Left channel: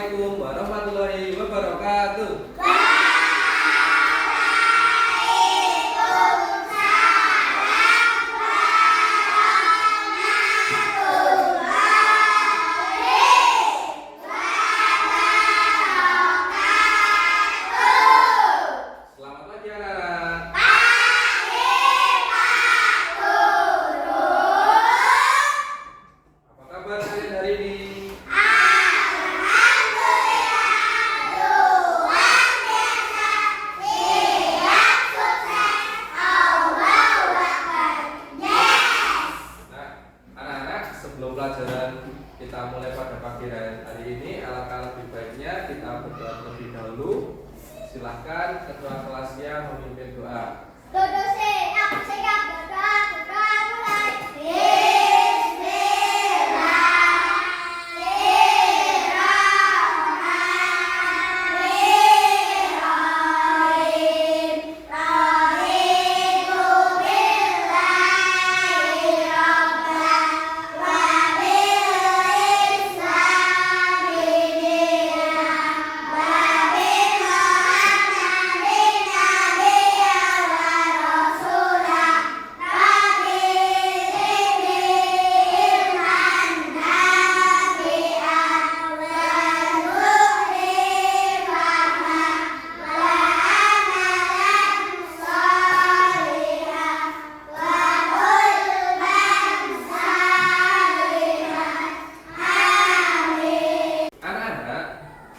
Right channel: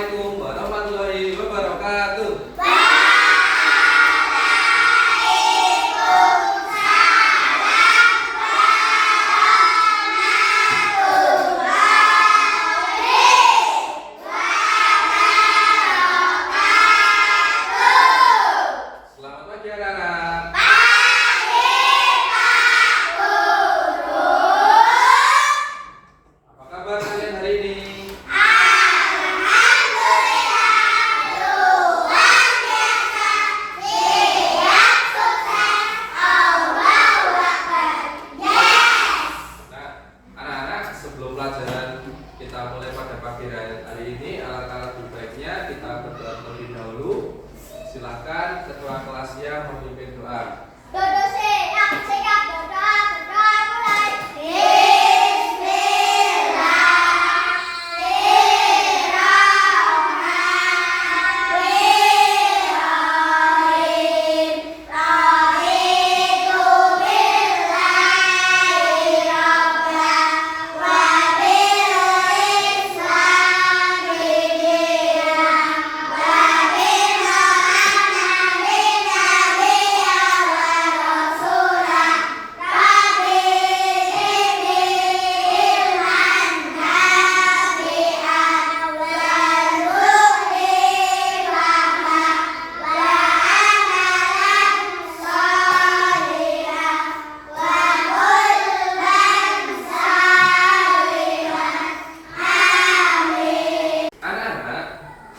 Assalamualaikum warahmatullahi wabarakatuh. Selamat pagi anak-anak. Apa kabar kalian hari ini? Sebelum pelajaran kita mulai pada pagi hari ini, alangkah lebih baiknya kita berdoa terlebih dahulu. Silahkan ketua kelasnya memimpin doa.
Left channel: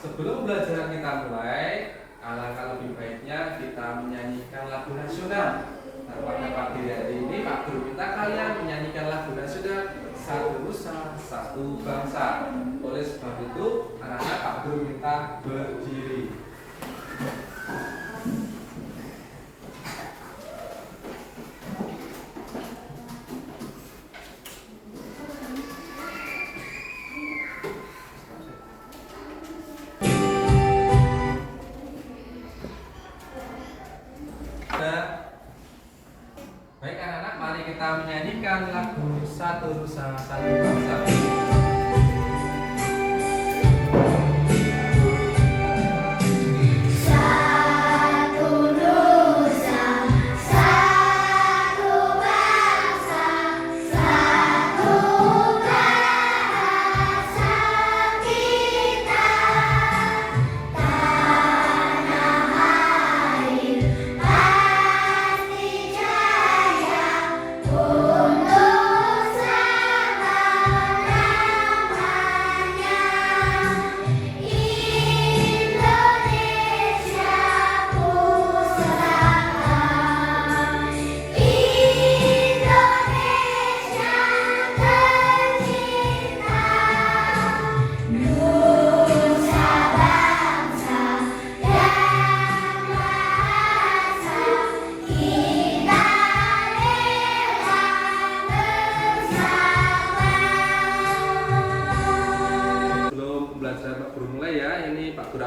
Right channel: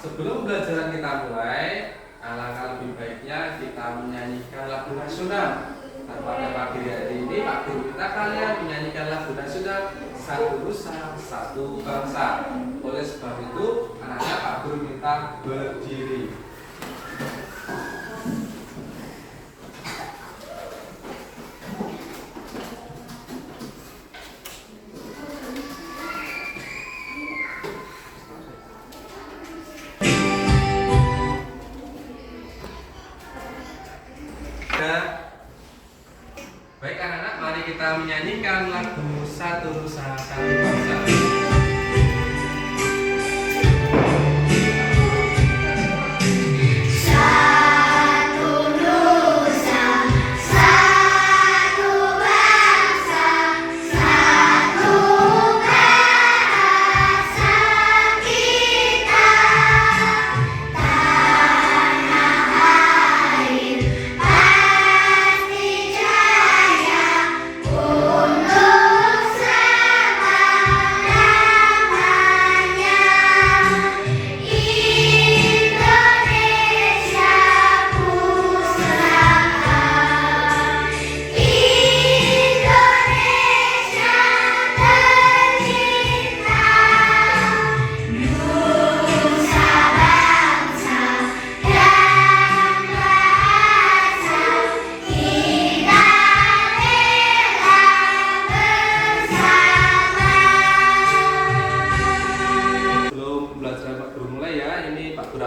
Sebelum pelajaran kita mulai, alangkah lebih baiknya kita menyanyikan lagu nasional. Nah, pada pagi hari ini, Pak Guru kita kalian menyanyikan lagu nasional Satu Nusa, Satu Bangsa. Oleh sebab itu, anak-anak Pak Guru minta berdiri. Baik anak-anak, mari kita menyanyikan lagu Satu Nusa, Satu Bangsa.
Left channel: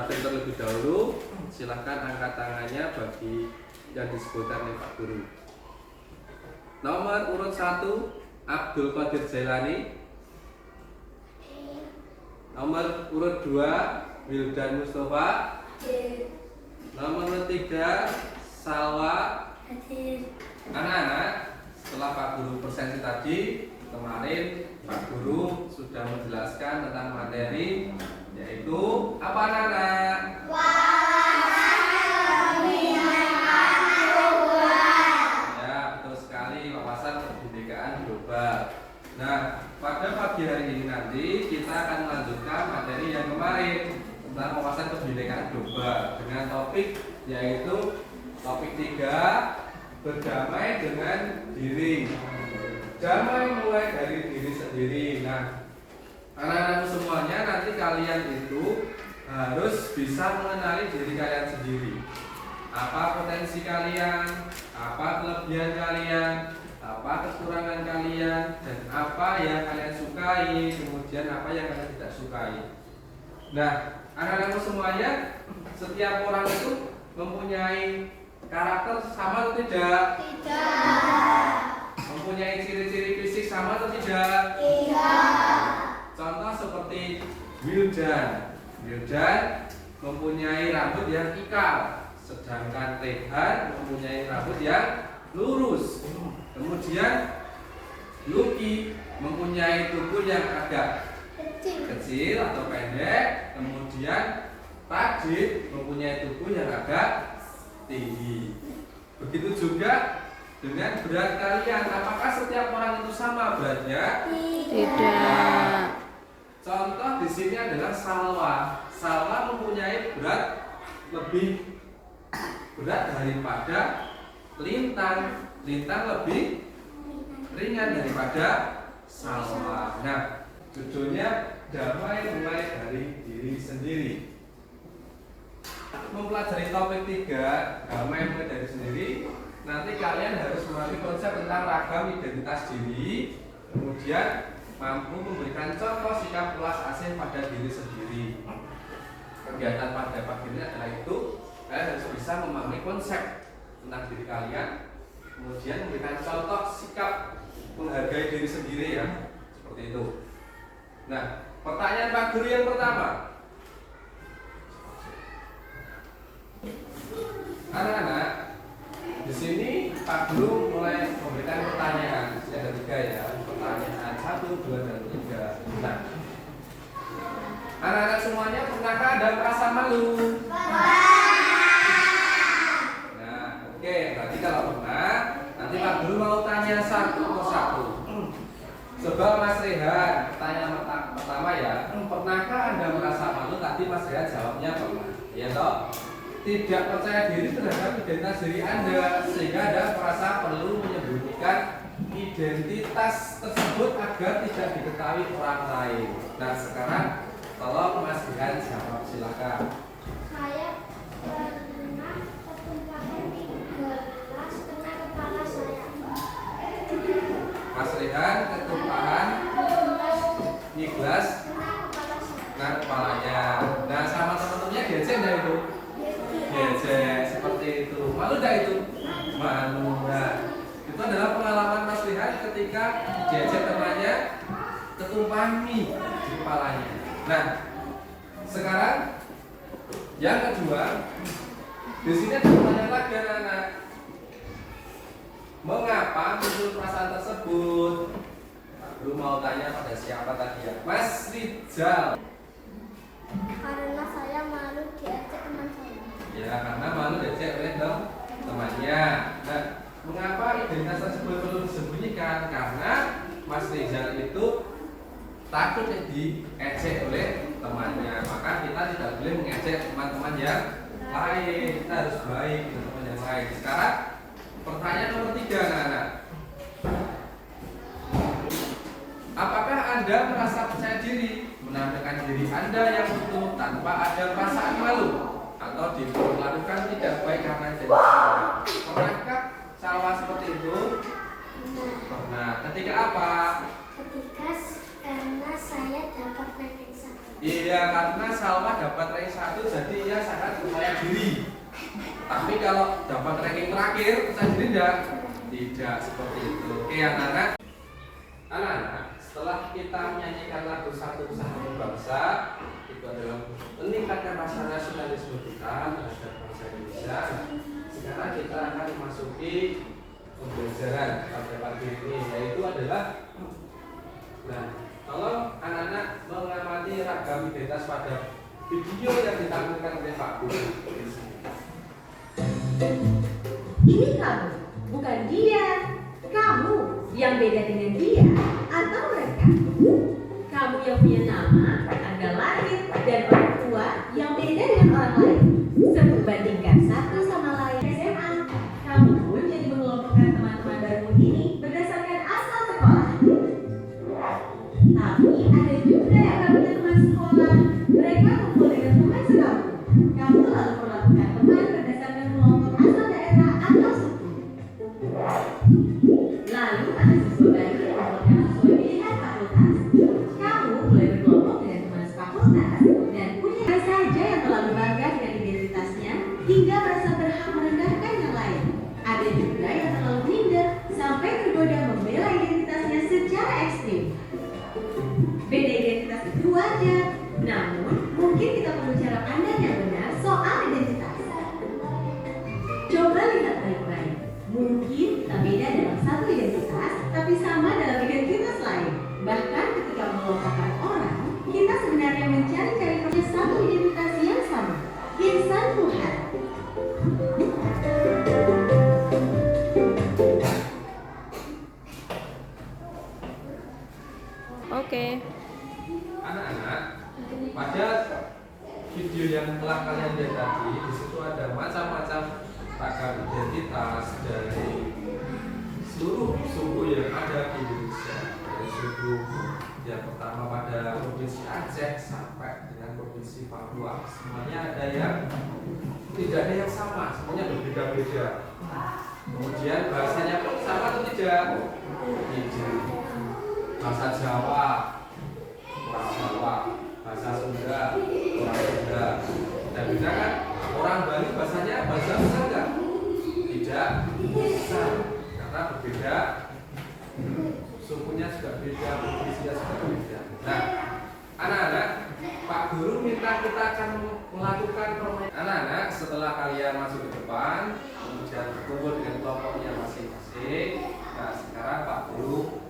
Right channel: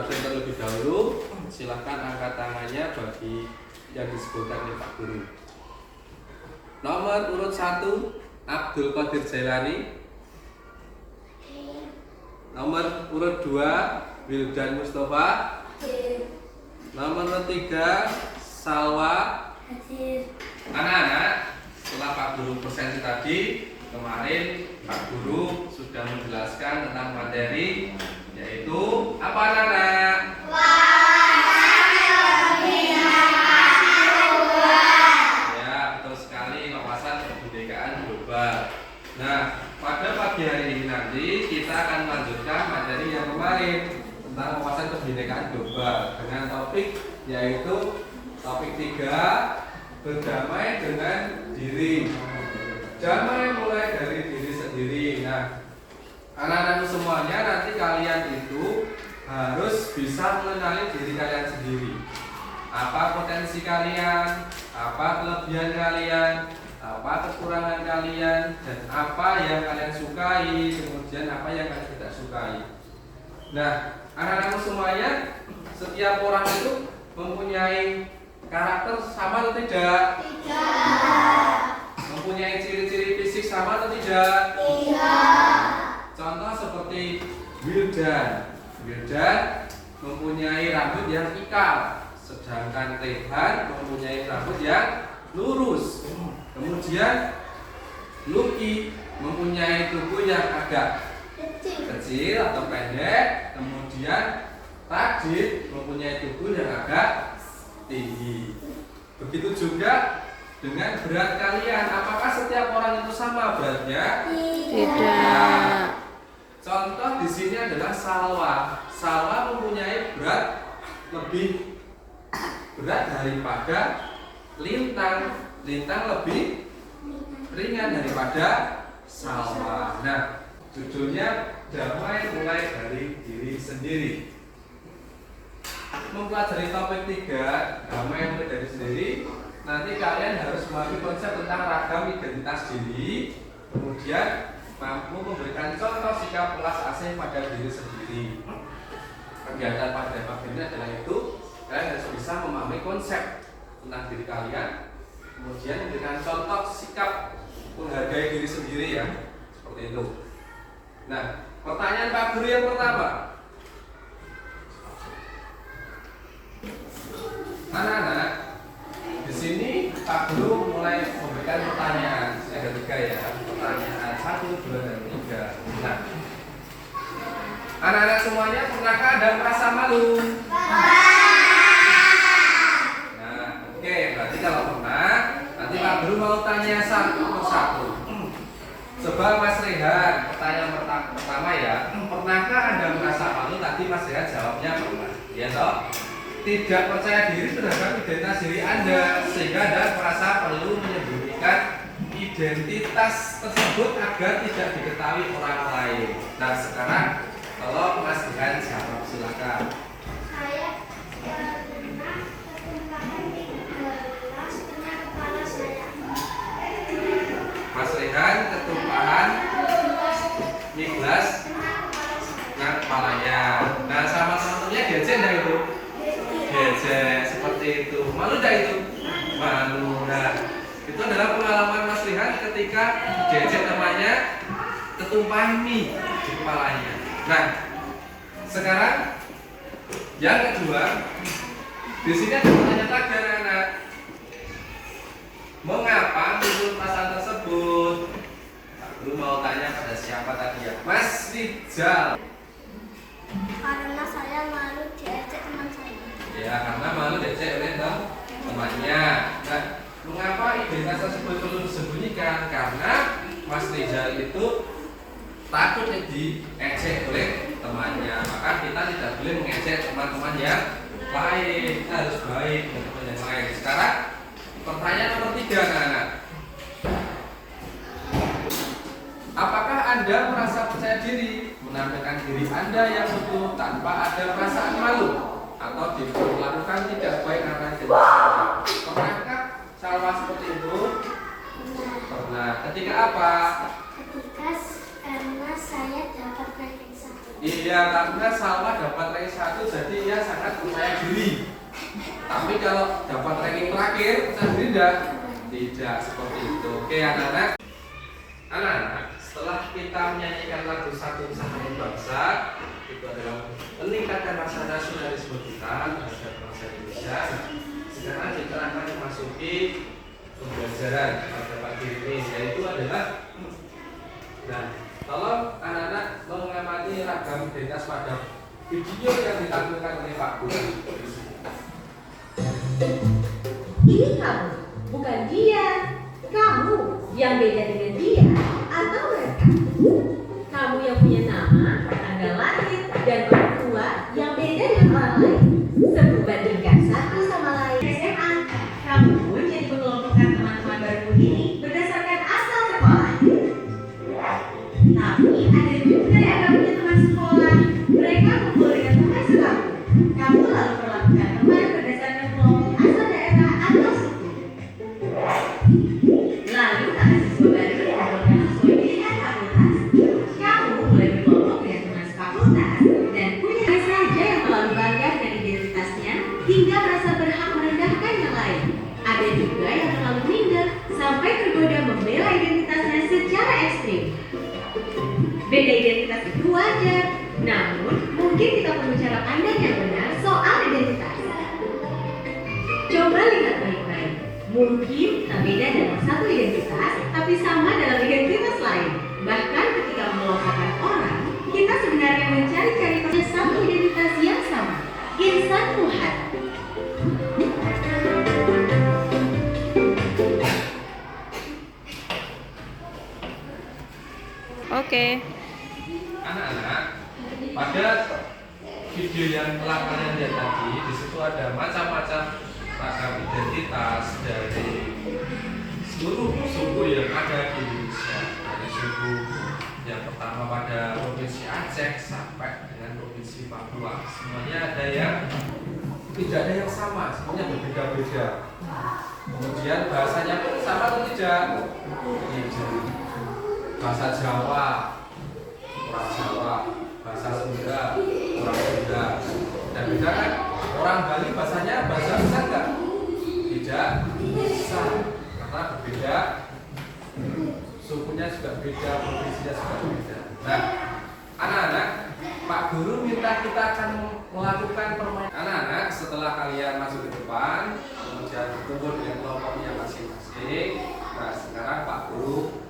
Terlebih dahulu, silahkan angkat tangannya bagi yang disebutkan oleh Pak Guru. Nomor urut 1 Abdul Qadir Jailani. Nomor urut 2 Wildan Mustafa. Nomor urut 3 Salwa. Anak-anak, setelah Pak Guru presentasi tadi, kemarin Pak Guru sudah menjelaskan tentang materi, yaitu apa anak-anak? Ya, betul sekali, wawasan kebinekaan global. Nah, pada pagi hari ini nanti kita akan melanjutkan materi yang kemarin tentang wawasan kebinekaan global dengan topik yaitu topik 3, berdamai dengan diri. Damai mulai dari diri sendiri. Nah, anak-anak semuanya nanti kalian itu harus bisa mengenali diri kalian sendiri. Apa potensi kalian, apa kelebihan kalian, apa kekurangan kalian, dan apa yang kalian sukai, kemudian apa yang kalian tidak sukai. Nah, anak-anak semuanya, setiap orang itu mempunyai karakter sama atau tidak? Tidak. Mempunyai ciri-ciri fisik sama atau tidak? Tidak. Contoh seperti Wildan. Wildan mempunyai rambut yang ikal, sedangkan Rehan mempunyai rambut yang lurus. Kemudian Lucky mempunyai tubuh yang agak kecil atau pendek. Kemudian Radit mempunyai tubuh yang agak tinggi. Begitu juga dengan berat kalian. Apakah setiap orang itu sama beratnya? Tidak. Contoh di sini adalah Salwa. Salwa mempunyai berat lebih berat daripada Lintang. Lintang lebih ringan daripada Salwa. Nah, judulnya damai mulai dari diri sendiri. Mempelajari topik 3, damai mulai dari sendiri. Nanti kalian harus memahami konsep tentang ragam identitas diri. Kemudian mampu memberikan contoh sikap welas asih pada diri sendiri. Kegiatan pada pagi ini adalah itu. Kalian harus bisa memahami konsep tentang diri kalian. Kemudian memberikan contoh sikap menghargai diri sendiri ya. Seperti itu. Nah, pertanyaan Pak Guru yang pertama. Anak-anak, di sini Pak Guru mulai memberikan pertanyaan yang ketiga ya. Pertanyaan 1, 2, dan 3. Nah, anak-anak semuanya pernahkah ada merasa malu? Nah, oke. Berarti kalau pernah, nanti Pak Guru mau tanya satu persatu. Sebab Mas Rehan, pertanyaan pertama ya, pernahkah Anda merasa malu? Tadi Mas Rehan jawabnya pernah. Ya toh? Tidak percaya diri terhadap identitas diri Anda, sehingga Anda merasa perlu menyembunyikan identitas tersebut agar tidak diketahui orang lain. Nah, sekarang tolong Mas Rehan jawab, silakan. Saya pernah ketumpahan di gelas tengah kepala saya. Mas Rehan ketumpahan di gelas Tengah kepala saya. dengan kepalanya. Nah, sama teman-temannya diajak enggak itu? Diajak, seperti itu. Malu enggak itu? Malu. Nah, itu adalah pengalaman Mas Rehan ketika diajak temannya ketumpahan mie di kepalanya. Nah, sekarang yang kedua, di sini ada pertanyaan lagi anak-anak. Mengapa muncul perasaan tersebut? Aku mau tanya pada siapa tadi ya? Mas Rizal. Karena saya malu diajak teman saya. Ya, karena malu diajak oleh temannya. Nah, mengapa identitas tersebut perlu disembunyikan? Karena Mas Rizal itu takut diejek oleh temannya. Maka kita tidak boleh mengejek teman-teman yang lain. Kita harus baik dengan teman yang lain. Sekarang pertanyaan nomor 3 anak-anak. Apakah Anda merasa percaya diri menampilkan diri Anda yang utuh tanpa ada perasaan malu atau diperlakukan tidak baik karena identitas Anda? Pernahkah Salwa seperti itu? Pernah. Ketika apa? Ketika karena saya dapat ranking 1. Iya, karena Salwa dapat ranking 1, jadi ia sangat percaya diri. Tapi kalau dapat ranking terakhir, percaya diri enggak? Tidak, seperti itu. Oke anak-anak. Anak-anak, setelah kita menyanyikan lagu Satu Kesatuan Bangsa, itu adalah meningkatkan rasa nasionalisme kita terhadap bangsa Indonesia. Sekarang kita akan memasuki pembelajaran pada pagi ini, yaitu adalah nah, tolong anak-anak mengamati ragam identitas pada video yang ditampilkan oleh Pak Guru. Ini kamu, bukan dia. Kamu yang beda dengan dia atau mereka. Kamu yang punya nama, tanggal lahir, dan orang tua yang beda dengan orang lain. Sebandingkan satu sama lain. SMA, kamu pun jadi mengelompokkan teman-teman baru ini berdasarkan asal sekolah. Tapi ada juga yang kamu punya teman sekolah. Mereka kumpul dengan teman sekampung. Kamu lalu perlakukan teman berdasarkan kelompok asal daerah atau suku. Lalu ada siswa baru yang melakukan sesuai pilihan fakultas. Kamu mulai berkelompok dengan teman sefakultas dan video yang telah kalian lihat tadi, di situ ada macam-macam ragam identitas dari seluruh suku yang ada di Indonesia. Dari suku yang pertama pada provinsi Aceh sampai dengan provinsi Papua, semuanya ada yang tidak ada yang sama, semuanya berbeda-beda. Kemudian bahasanya pun sama atau tidak? Tidak. Bahasa Jawa, orang Jawa, bahasa Sunda, orang Sunda. Dan beda kan? Orang Bali bahasanya bahasa bisa enggak? Tidak bisa, karena berbeda. Sukunya juga beda, provinsinya juga beda. Nah, anak-anak, Pak Guru minta kita akan melakukan permainan. Anak-anak, setelah kalian masuk ke depan, kemudian berkumpul dengan kelompoknya masing-masing. Nah, sekarang Pak Guru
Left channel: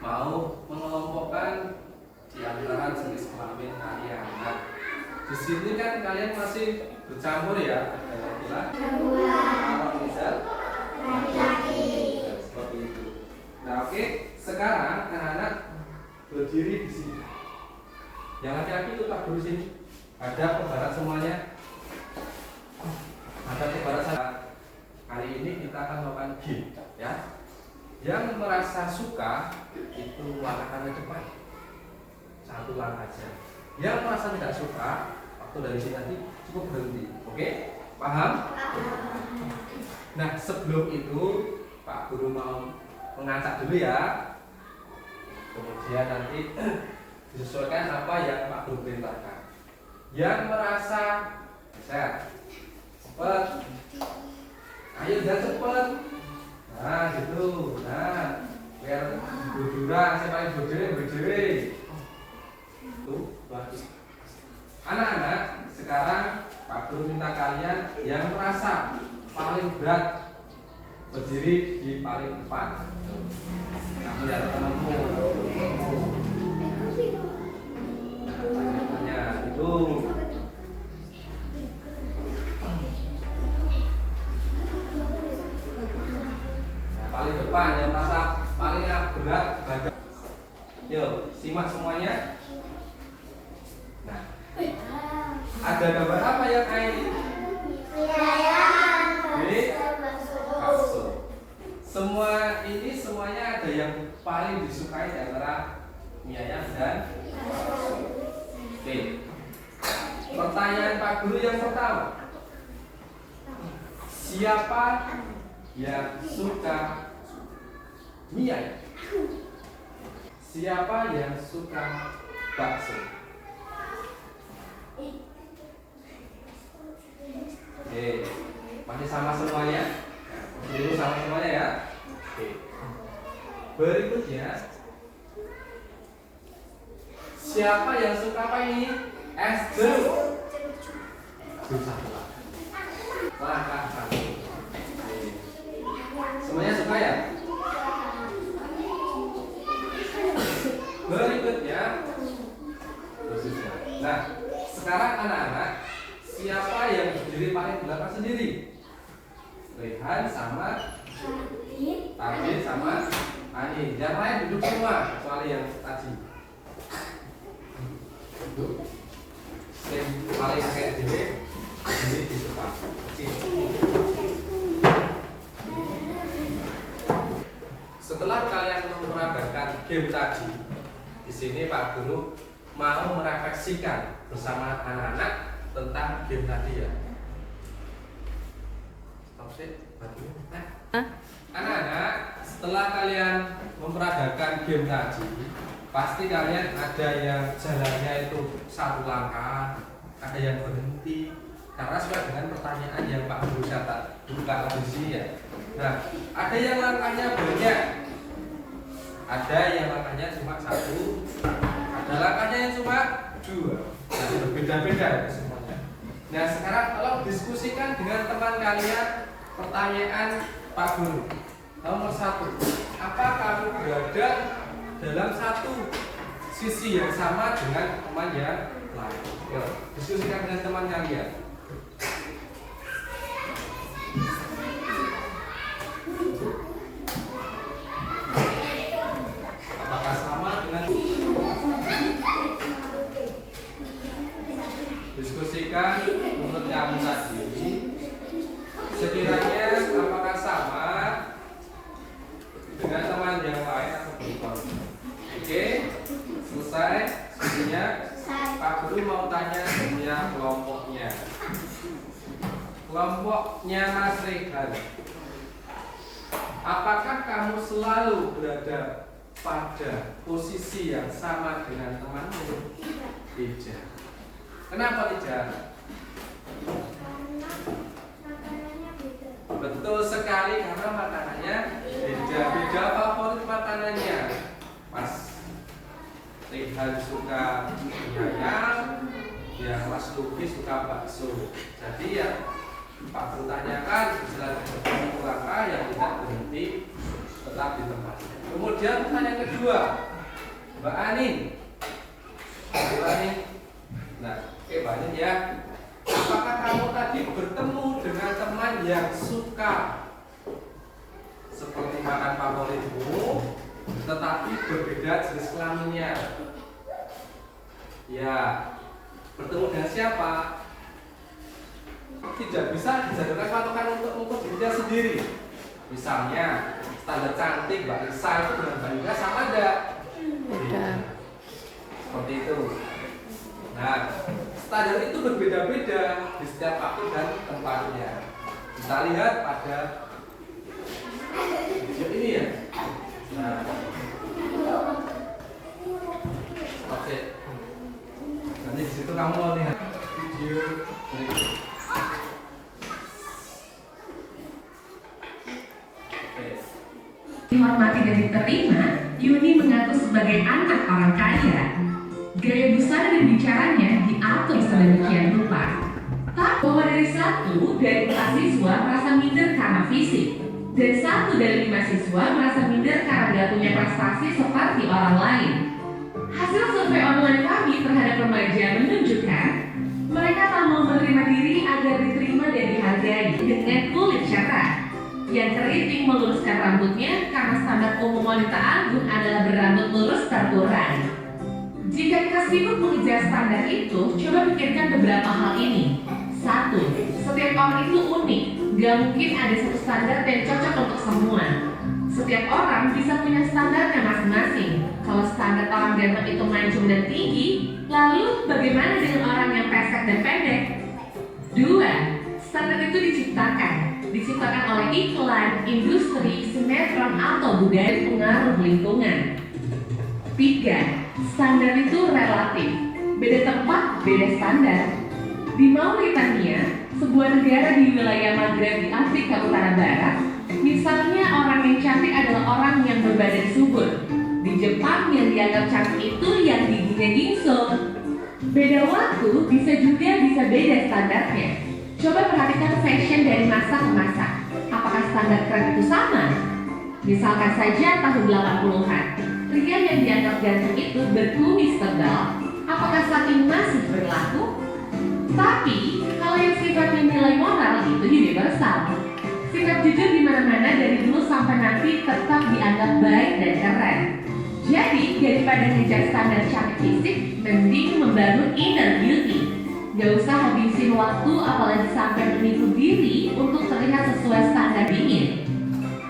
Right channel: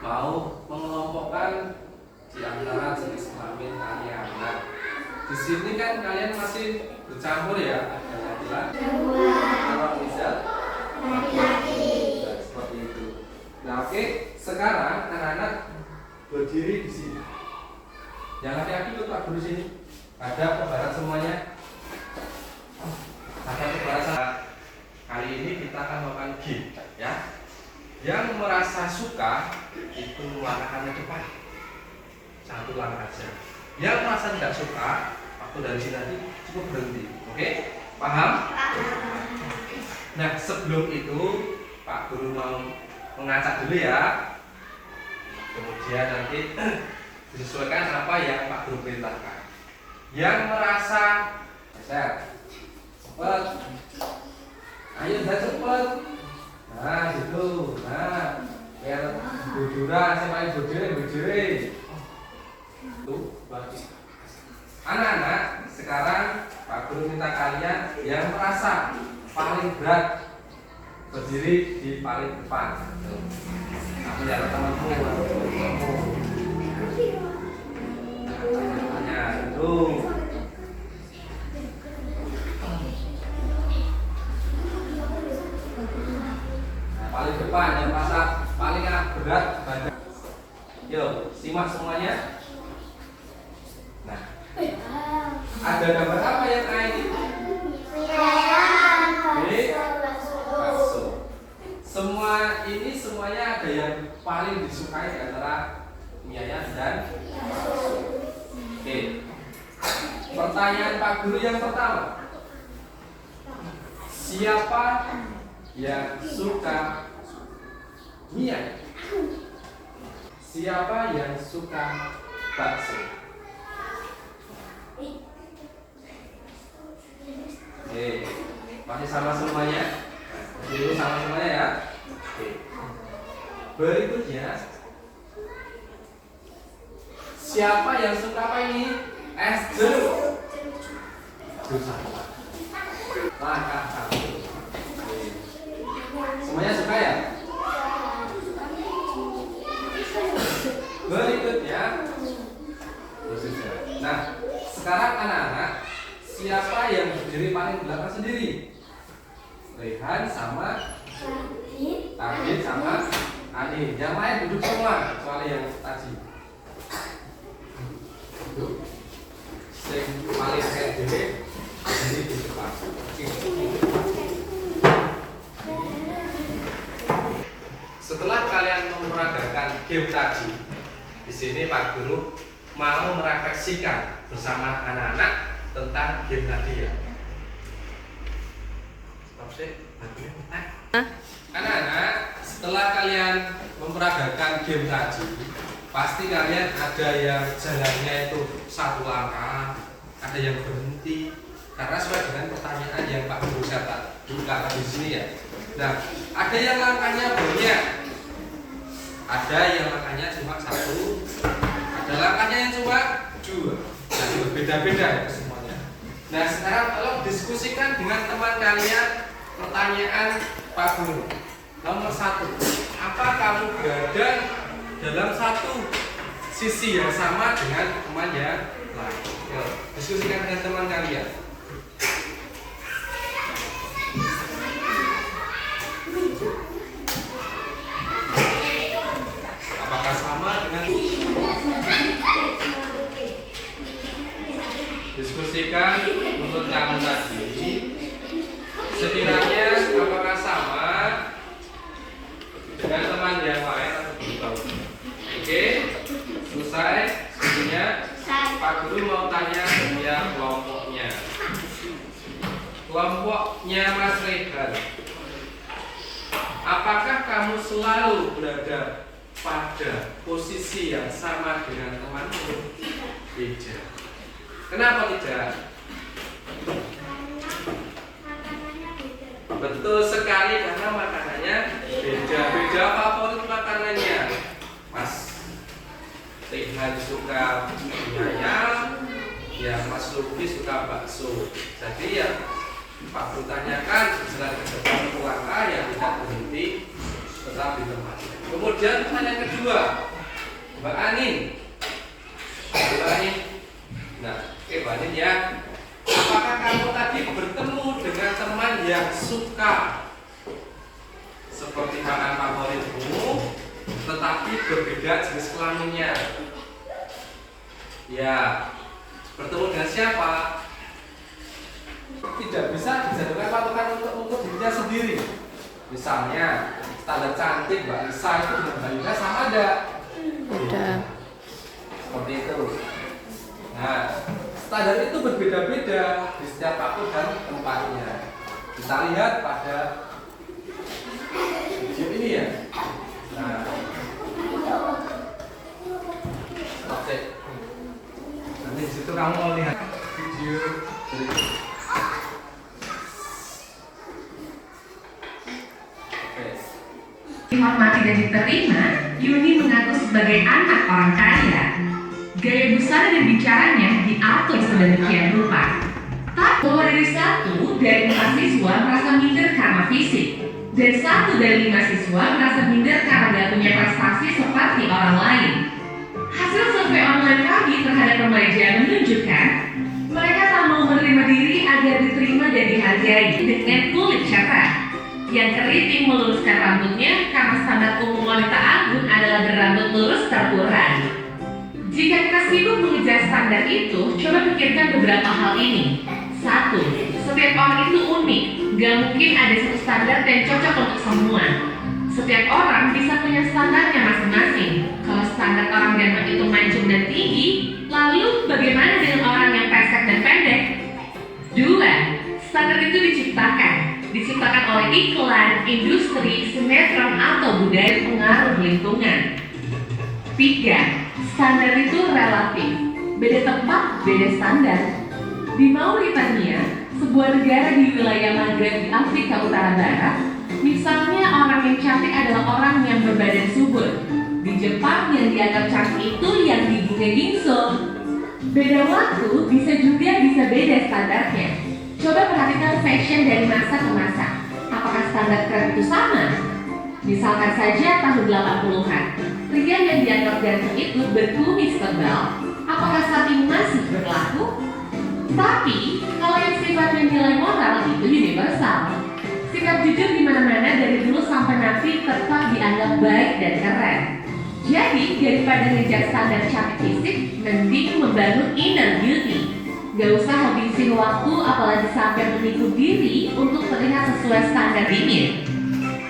mau mengelompokkan di antara jenis kelamin kalian. Nah, di sini kan kalian masih bercampur ya, ada laki-laki, anak misal, laki-laki, seperti itu. Nah, oke, sekarang anak-anak berdiri di sini. Yang laki-laki itu Pak Guru sini. Ada ke barat semuanya. Ada ke barat sana. Hari ini kita akan melakukan game, ya. Yang merasa suka itu langkahkan ke depan. Satu langkah saja. Yang merasa tidak suka, waktu dari sini tadi cukup berhenti. Oke? Paham? Nah, sebelum itu Pak Guru mau mengacak dulu ya. Kemudian nanti disesuaikan apa yang Pak Guru perintahkan. Yang merasa set, cepet, ayo udah cepet. Nah gitu, nah biar bujuran, saya paling berdiri. Tuh, bagus. Anak-anak, sekarang Pak Guru minta kalian yang merasa paling berat berdiri di paling depan. Kamu lihat teman-teman. Tanya itu. Nah, paling depan yang merasa paling berat badan. Yuk, simak semuanya. Nah, ada gambar apa yang ini? Bakso. Semua ini semuanya ada yang paling disukai antara mie ayam dan bakso. Oke. Pertanyaan Pak Guru yang pertama. Siapa yang suka mie ayam? Siapa yang suka bakso? Oke. Masih sama semuanya? Dulu sama semuanya ya. Oke. Berikutnya, siapa yang suka apa ini? Es jeruk. Langkah satu. Semuanya suka ya? Berikutnya, nah sekarang anak-anak, siapa yang berdiri paling belakang sendiri? Rehan sama Tadin sama Ani. Yang lain duduk semua kecuali yang tadi. Duduk. Yang paling kayak gini berdiri di depan. Oke. Setelah kalian memeragakan game tadi, di sini Pak Guru mau merefleksikan bersama anak-anak tentang game tadi ya. Anak-anak, setelah kalian memperagakan game tadi, pasti kalian ada yang jalannya itu satu langkah, ada yang berhenti, karena sesuai dengan pertanyaan yang Pak Guru buka di sini ya. Nah, ada yang langkahnya banyak, ada yang langkahnya cuma satu, ada langkahnya yang cuma dua. Nah, itu beda-beda ya semuanya. Nah, sekarang kalau diskusikan dengan teman kalian pertanyaan Pak Guru. Nomor satu, apa kamu berada dalam satu sisi yang sama dengan teman yang lain? Yuk, diskusikan dengan teman kalian. Apakah sama dengan diskusikan menurut kamu tadi sekiranya apakah sama dengan teman yang lain atau belum? Oke, selesai. Sebenarnya Pak Guru mau tanya dia kelompoknya. Kelompoknya Mas Rehan. Apakah kamu selalu berada pada posisi yang sama dengan temanmu? Tidak. Kenapa tidak? Betul sekali, karena makanannya beda. Beda favorit makanannya. Mas Rehan suka mie ayam, ya Mas Luki suka bakso. Jadi ya Pak Guru tanyakan setelah ketemu pulang ya tidak berhenti, tetap di tempat. Kemudian pertanyaan kedua, Mbak Anin. Mbak Anin. Nah, Mbak Anin ya. Apakah kamu tadi bertemu dengan teman yang suka seperti makanan favoritmu, tetapi berbeda jenis kelaminnya? Ya, bertemu dengan siapa? Tidak bisa dijadikan patokan untuk dirinya sendiri. Misalnya standar cantik Mbak Lisa itu dengan Mbak Yuda sama enggak? Beda. Seperti itu. Nah, standar itu berbeda-beda di setiap waktu dan tempatnya. Kita lihat pada video ini ya. Nah, oke. Nanti di situ kamu mau lihat video berikut. Dihormati dan diterima, Yuni mengaku sebagai anak orang kaya. Gaya busana dan bicaranya diatur sedemikian rupa. Tak bahwa dari 1 dari 4 siswa merasa minder karena fisik, dan 1 dari 5 siswa merasa minder karena tidak punya prestasi seperti orang lain. Hasil survei online kami terhadap remaja menunjukkan mereka tak mau menerima diri agar diterima dan dihargai dengan kulit cerah yang keriting meluruskan rambutnya karena standar umum wanita anggun adalah berambut lurus terkurang. Jika kita sibuk mengejar standar itu, coba pikirkan beberapa hal ini. 1. Setiap orang itu unik, gak mungkin ada satu standar yang cocok untuk semua. Setiap orang bisa punya standarnya masing-masing. Kalau standar orang ganteng itu mancung dan tinggi, lalu bagaimana dengan orang yang pesek dan pendek? 2. Standar itu diciptakan oleh iklan, industri, sinetron, atau budaya pengaruh lingkungan. 3. Standar itu relatif. Beda tempat, beda standar. Di Mauritania, sebuah negara di wilayah Maghreb di Afrika Utara Barat, misalnya orang yang cantik adalah orang yang berbadan subur. Di Jepang yang dianggap cantik itu yang giginya gingsung. Beda waktu bisa beda standarnya. Coba perhatikan fashion dari masa ke masa. Apakah standar tren itu sama? Misalkan saja tahun 80-an, pria yang dianggap ganteng itu berkumis tebal. Apakah saat ini masih berlaku? Tapi, kalau yang sifatnya nilai moral itu universal. Sikap jujur di mana-mana dari dulu sampai nanti tetap dianggap baik dan keren. Jadi, daripada ngejar standar cantik fisik, mending membangun inner beauty. Gak usah habisin waktu apalagi sampai menipu diri untuk terlihat sesuai standar ingin.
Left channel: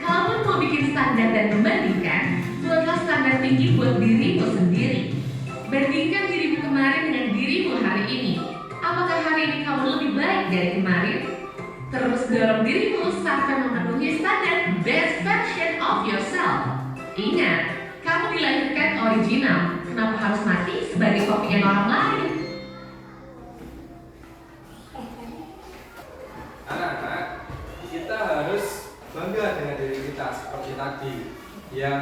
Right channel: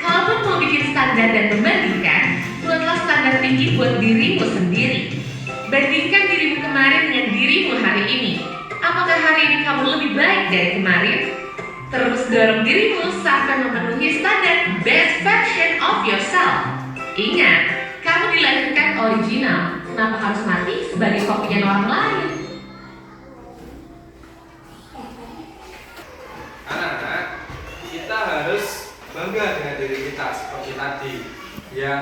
Kalau mau bikin standar dan membandingkan, buatlah standar tinggi buat dirimu sendiri. Bandingkan dirimu kemarin dengan dirimu hari ini. Apakah hari ini kamu lebih baik dari kemarin? Terus dorong dirimu sampai memenuhi standar best version of yourself. Ingat, kamu dilahirkan original. Kenapa harus mati sebagai kopian orang lain? Anak-anak, kita harus bangga dengan diri kita seperti tadi. Yang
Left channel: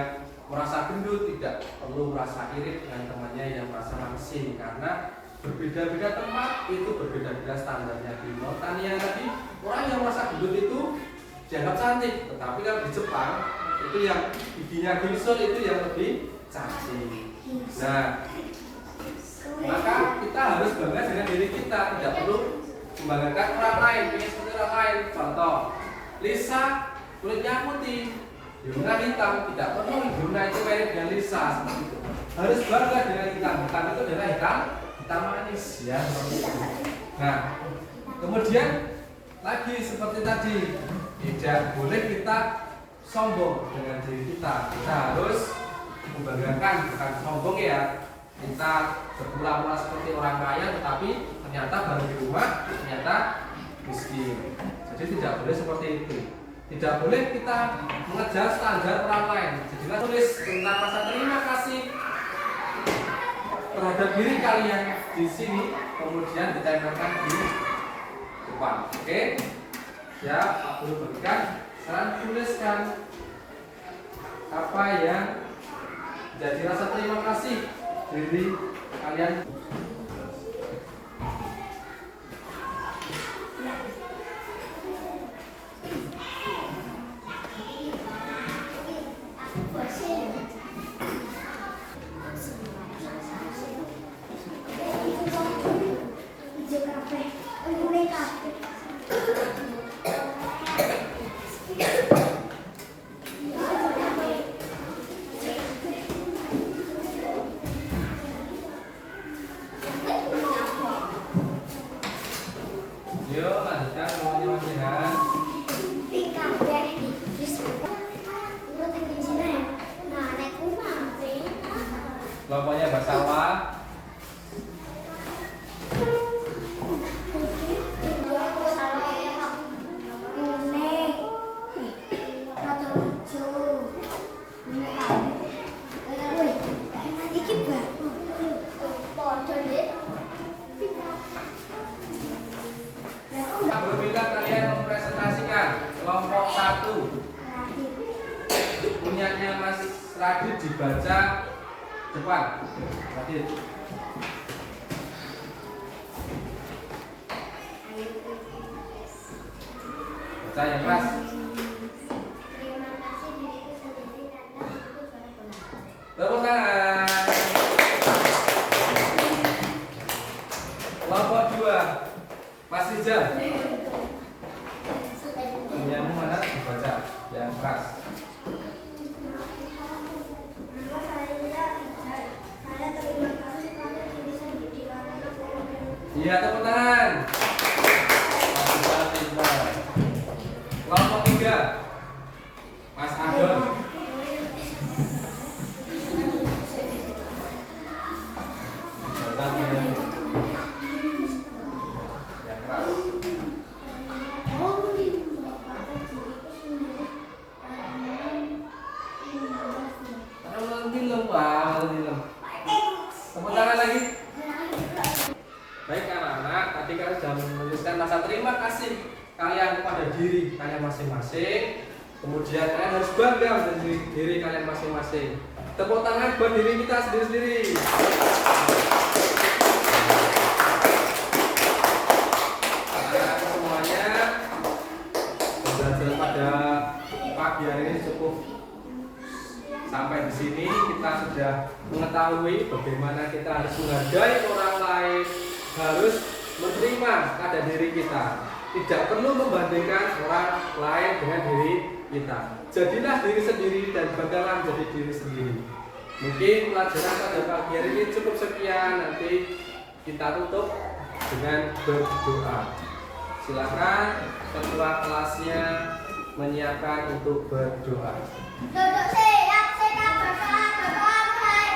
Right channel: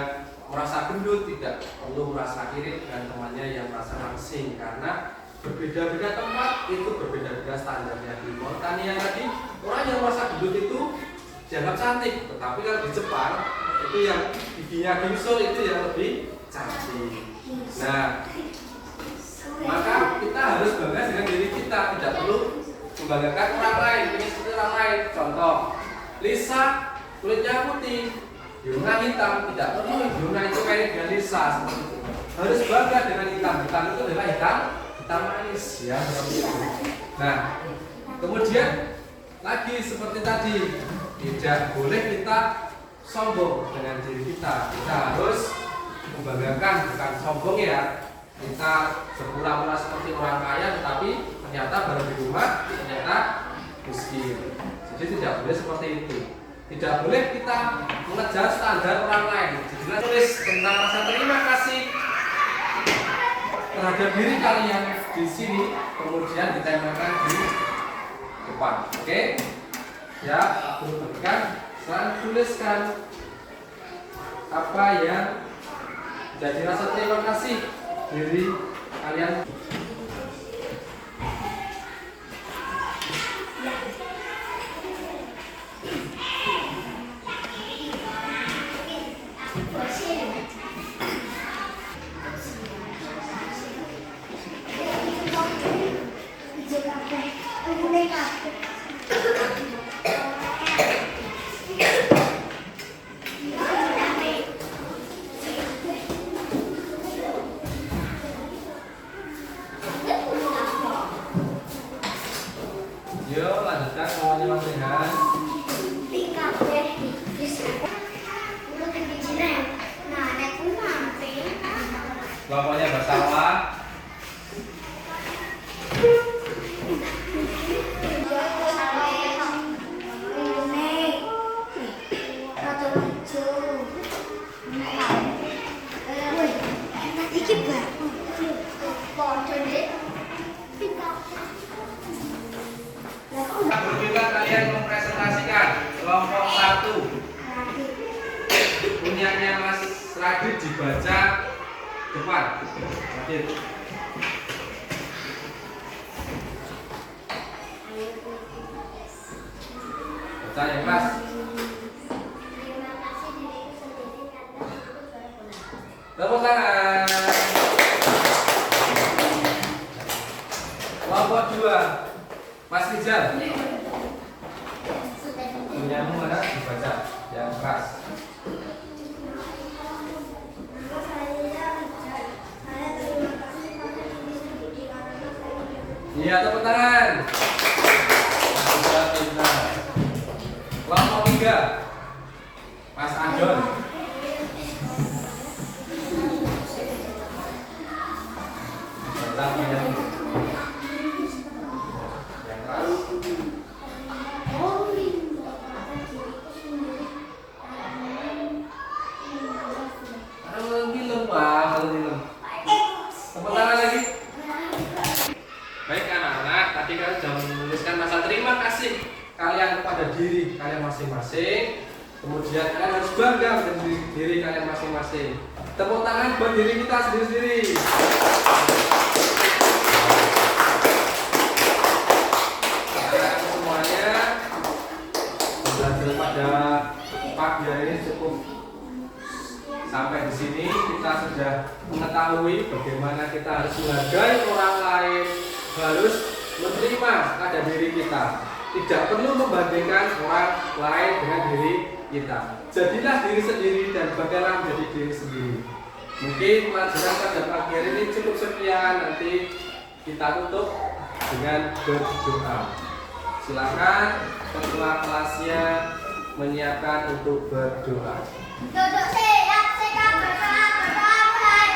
merasa gendut tidak perlu merasa iri dengan temannya yang merasa langsing, karena berbeda-beda tempat itu berbeda-beda standarnya. Di Mauritania tadi orang yang merasa gendut itu dianggap cantik, tetapi kalau di Jepang itu yang giginya gingsur itu yang lebih cantik. Nah, maka kita harus bangga dengan diri kita, tidak perlu membanggakan orang lain, ingin seperti orang lain. Contoh, Lisa kulitnya putih, Yuna hitam, tidak perlu Yuna itu mirip dengan Lisa seperti itu. Harus bangga dengan hitam, bukan itu adalah hitam manis ya seperti itu. Nah, kemudian lagi seperti tadi, tidak boleh kita sombong dengan diri kita. Kita harus membanggakan, bukan sombong ya. Kita berpura-pura seperti orang kaya, tetapi ternyata baru di rumah ternyata miskin. Jadi tidak boleh seperti itu. Tidak boleh kita mengejar standar orang lain. Jadi tulis tentang rasa terima kasih terhadap diri kalian di sini, kemudian ditempelkan di depan. Oke? Ya, aku berikan saran, tuliskan apa yang jadi rasa terima kasih diri kalian. Yuk lanjutkan teman-teman. Kelompoknya Basawa. Bagaimana kalian mempresentasikan kelompok 1 punyanya Mas Radit dibaca depan. Radit. Baca yang keras. Tepuk tangan. Kelompok 2 Mas Rizal. Punyamu mana? Dibaca yang keras. Iya, tepuk tangan. Mas Rizal pintar. Kelompok 3 Mas Adon. Baca punyamu. Yang keras. Tepuk tangan lagi. Baik anak-anak, tadi kalian sudah menuliskan rasa terima kasih kalian kepada diri kalian masing-masing. Kemudian kalian harus bangga dengan diri kalian masing-masing. Tepuk tangan buat diri kita sendiri-sendiri. Kalian semuanya belajar pada pagi hari ini cukup. Sampai di sini kita sudah mengetahui bagaimana kita harus menghargai orang lain, harus menerima pada diri kita. Tidak perlu membandingkan orang lain dengan diri kita. Jadilah diri sendiri dan banggalah menjadi diri sendiri. Mungkin pelajaran pada pagi hari ini cukup sekian. Nanti kita tutup dengan berdoa. Silakan ketua kelasnya menyiapkan untuk berdoa. Duduk siap, siap berdoa, berdoa mulai.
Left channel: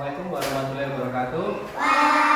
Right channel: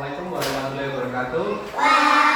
Assalamualaikum warahmatullahi wabarakatuh. Waalaikumsalam.